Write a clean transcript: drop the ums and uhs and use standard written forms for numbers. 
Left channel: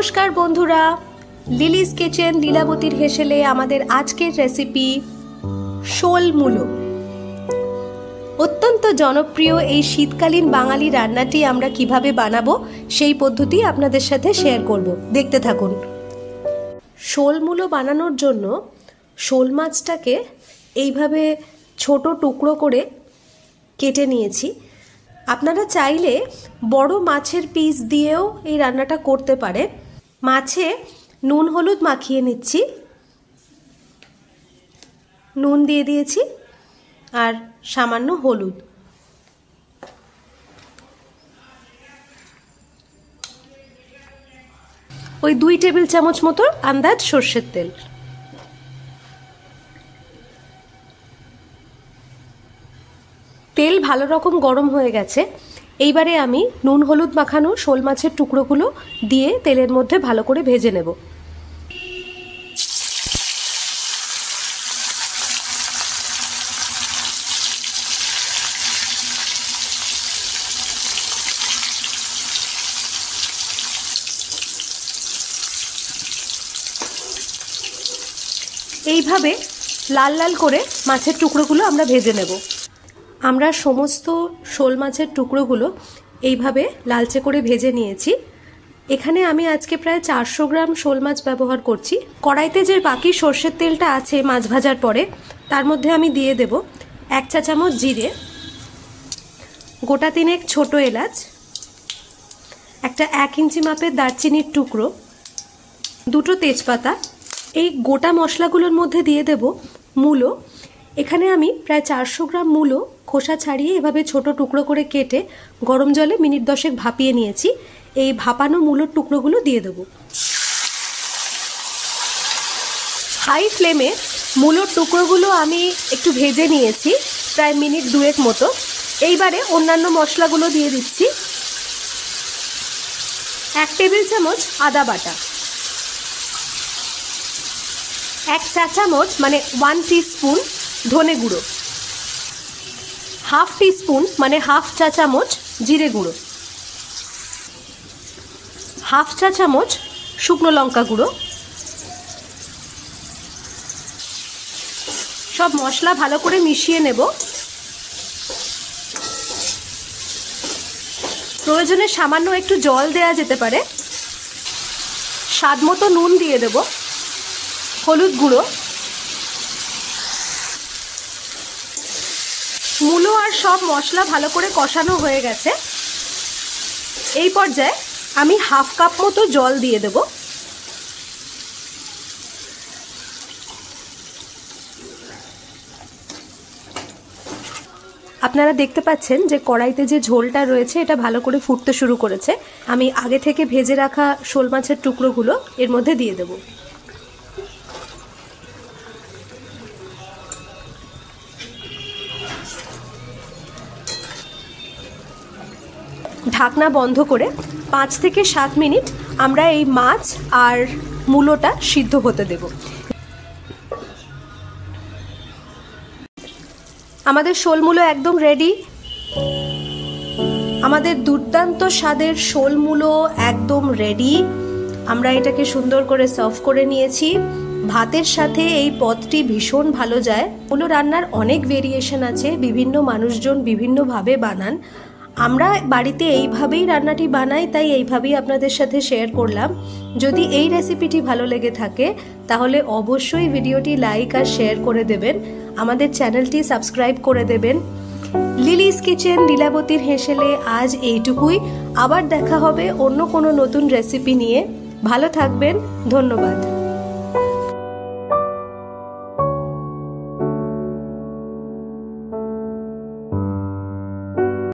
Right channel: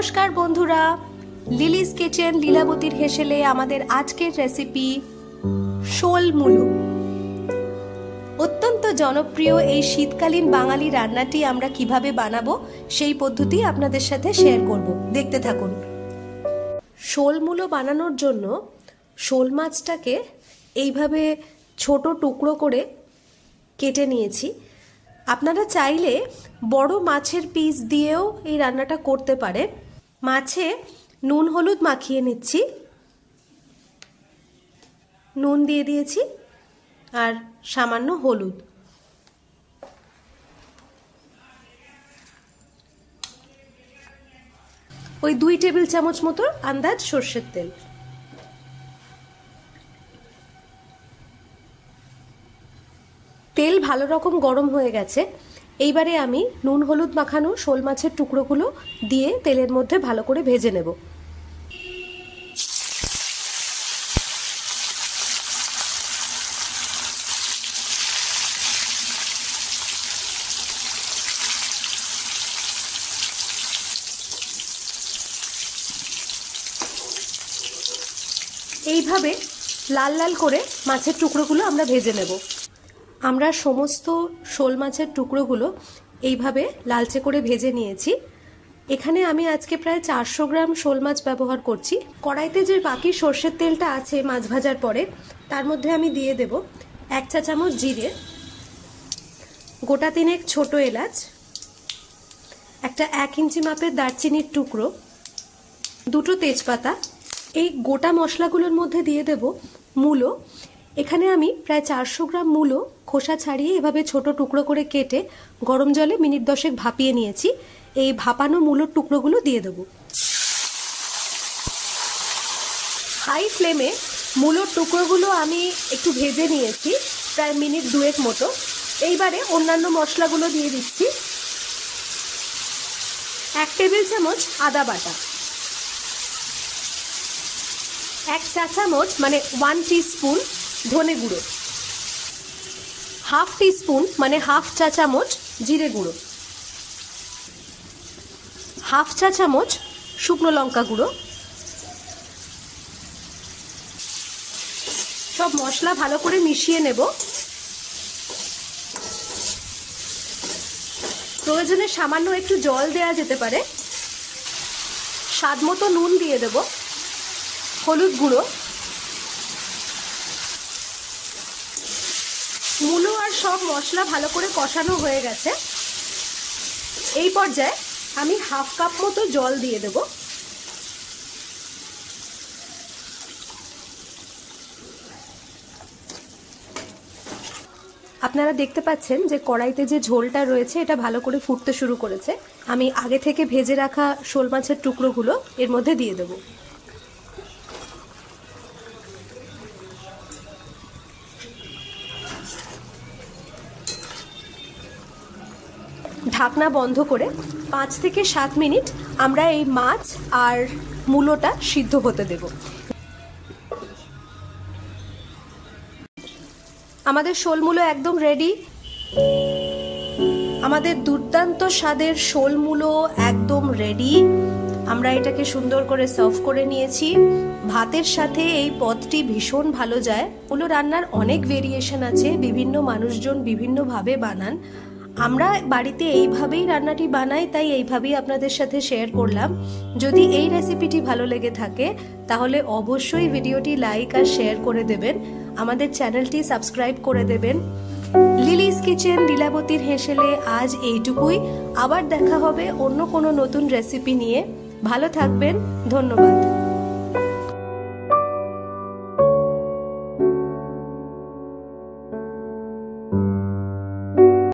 নমস্কার বন্ধুরা, Lily's kitchen লীলাবতীর হেসেলে আমাদের আজকের রেসিপি শোল মূলো। অত্যন্ত জনপ্রিয় এই শীতকালীন বাঙালি রান্নাটি আমরা কিভাবে বানাবো সেই পদ্ধতি আপনাদের সাথে শেয়ার করব, দেখতে থাকুন। শোল মূলো বানানোর জন্য শোল মাছটাকে এইভাবে ছোট টুকরো করে কেটে নিয়েছি। আপনারা চাইলে বড় মাছের পিস দিয়েও এই রান্নাটা করতে পারেন। মাছে নুন হলুদ মাখিয়ে নিচ্ছি, নুন দিয়ে দিয়েছি আর সামান্য হলুদ। ওই 2 টেবিল চামচ মতো আন্দাজ সর্ষের তেল। তেল ভালো রকম গরম হয়ে গেছে। এইবারে আমি নুন হলুদ মাখানো শোল মাছের টুকরোগুলো দিয়ে তেলের মধ্যে ভালো করে ভেজে নেব। এইভাবে লাল লাল করে মাছের টুকরোগুলো আমরা ভেজে নেব। আমরা সমস্ত শোল মাছের টুকরোগুলো এইভাবে লালচে করে ভেজে নিয়েছি। এখানে আমি আজকে প্রায় 400 গ্রাম শোল মাছ ব্যবহার করছি। কড়াইতে যে বাকি সর্ষের তেলটা আছে মাছ ভাজার পরে, তার মধ্যে আমি দিয়ে দেব 1 চা চামচ জিরে, গোটা 3 ছোট এলাচ, একটা 1 ইঞ্চি মাপের দারচিনির টুকরো, 2টো তেজপাতা। এই গোটা মশলাগুলোর মধ্যে দিয়ে দেব মূলো। এখানে আমি প্রায় 400 গ্রাম মূলো খোসা ছাড়িয়ে এভাবে ছোট টুকরো করে কেটে গরম জলে মিনিট 10 ভাপিয়ে নিয়েছি। এই ভাপানো মূলোর টুকরোগুলো দিয়ে দেব। হাই ফ্লেমে মূলোর টুকরোগুলো আমি একটু ভেজে নিয়েছি প্রায় মিনিট 2 মতো। এইবারে অন্যান্য মশলাগুলো দিয়ে দিচ্ছি। 1 টেবিল চামচ আদা বাটা, 1 চা চামচ মানে 1 টিস্পুন ধনে গুঁড়ো, 1/2 টিস্পুন মানে 1/2 চা চামচ জিরে গুঁড়ো, 1/2 চা চামচ শুকনো লঙ্কা গুঁড়ো। সব মশলা ভালো করে মিশিয়ে নেব। প্রয়োজনে সামান্য একটু জল দেওয়া যেতে পারে। স্বাদ মতো নুন দিয়ে দেব, হলুদ গুঁড়ো। মূলো আর সব মশলা ভালো করে কষানো হয়ে গেছে। এই পর্যায়ে আমি 1/2 কাপ মতো জল দিয়ে দেব। আপনারা দেখতে পাচ্ছেন যে কড়াইতে যে ঝোলটা রয়েছে এটা ভালো করে ফুটতে শুরু করেছে। আমি আগে থেকে ভেজে রাখা শোল মাছের টুকরোগুলো এর মধ্যে দিয়ে দেব। ঢাকনা বন্ধ করে 5 থেকে 7 মিনিট আমরা এই মাছ আর মূলোটা সিদ্ধ হতে দেব। আমাদের শোল মূলো একদম রেডি। আমাদের দুর্দান্ত স্বাদের শোল মূলো একদম রেডি। আমরা এটাকে সুন্দর করে সার্ভ করে নিয়েছি। ভাতের সাথে এই পদটি ভীষণ ভালো যায়। মূলো রান্নার অনেক ভেরিয়েশন আছে, বিভিন্ন মানুষজন বিভিন্নভাবে বানান। আমরা বাড়িতে এইভাবেই রান্নাটি বানাই, তাই এইভাবেই আপনাদের সাথে শেয়ার করলাম। যদি এই রেসিপিটি ভালো লেগে থাকে তাহলে অবশ্যই ভিডিওটি লাইক আর শেয়ার করে দেবেন। আমাদের চ্যানেলটি সাবস্ক্রাইব করে দেবেন। লিলিস কিচেন লীলাবতীর হেসেলে আজ এইটুকুই। আবার দেখা হবে অন্য কোনো নতুন রেসিপি নিয়ে। ভালো থাকবেন, ধন্যবাদ।